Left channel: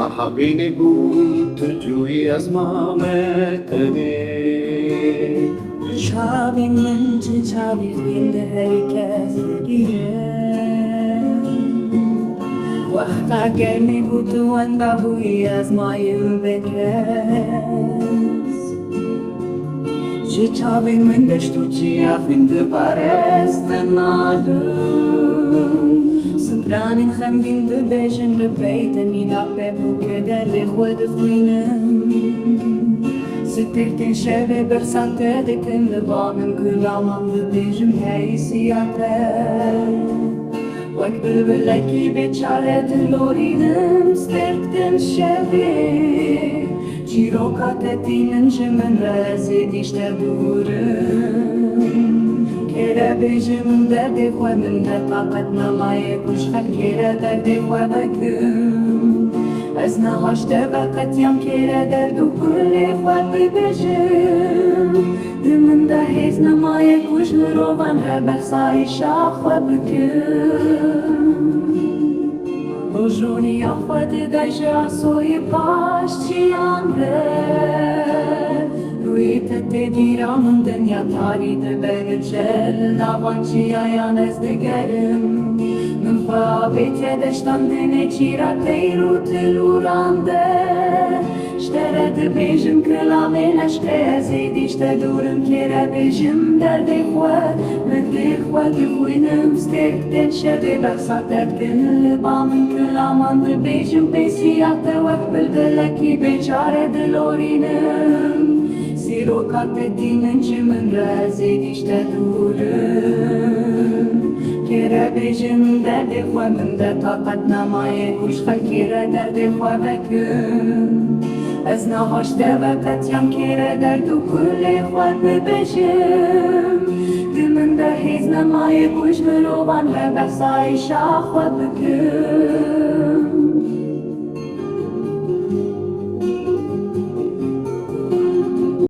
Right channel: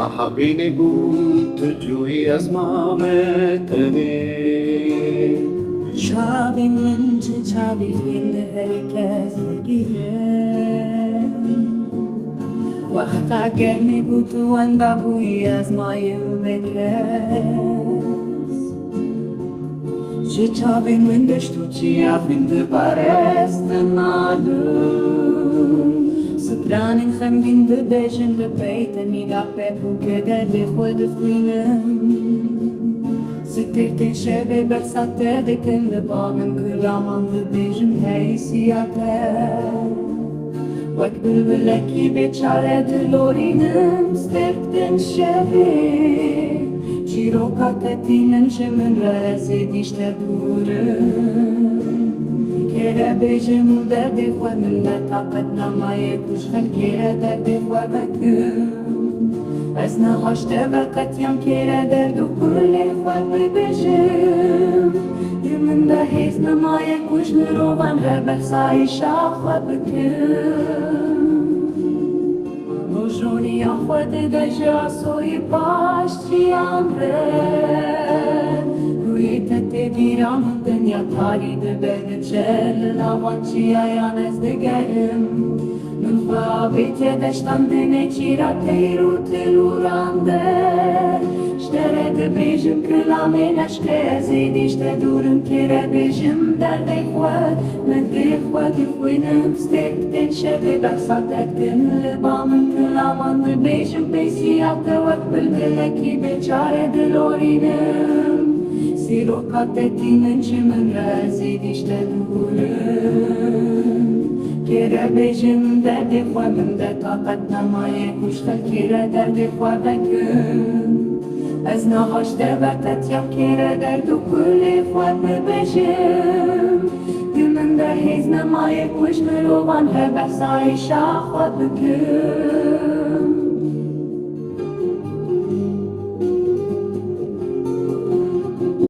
Mahbini gut tujui azmametene. Çavin mence çavin finde herkes giren. Wahta gelme butu anda hui azmayı bekles. Ce çavin mende ștuci a finde pareste nalum. Branding gaan vinden bezen de beten niet op het boekje der ligt de vrienden. Ze tikt in schebe bersate de kende banen gulaman de bezen hij siate. Wak bülbüleki beçare de lorinem sterkt in schebe. Çirokat etinen jemen reze dişte durun. Kere bejim derdi xwe min ne taqet nemaye kuşxel kere derdi xwe vekim Ez nehaşte veqetiyam kere derdu kulê xwe bibêjim Di min de hêz nemaye kuş mirovan her behsayîşa xwe bikim Hojoniya xwe dide ji asoyî paş çiyan re Te diramın dünya tarihi belgecel Lavançı ayan ez de gerim Min xabete deştan dine çira teyru telurande Ştere de bejim kılame neşke ezid işte durum kere bejim derde xwe Mekli xwe dixwinim stekten şevi beksat etkin Libamın kılaman de bejim besiyate vek bilbileki beçare dilorinim Sirokat etinen jimin reze dişte durun Kere bejim derdi xwe min de taqet nemaye kuşxel kere derdi xwe vekim Ez nehaşte veqetiyam kere derdu kulê xwe bibêjim Di min de hêz nemaye kuş mirovan her behsayîşa xwe bikim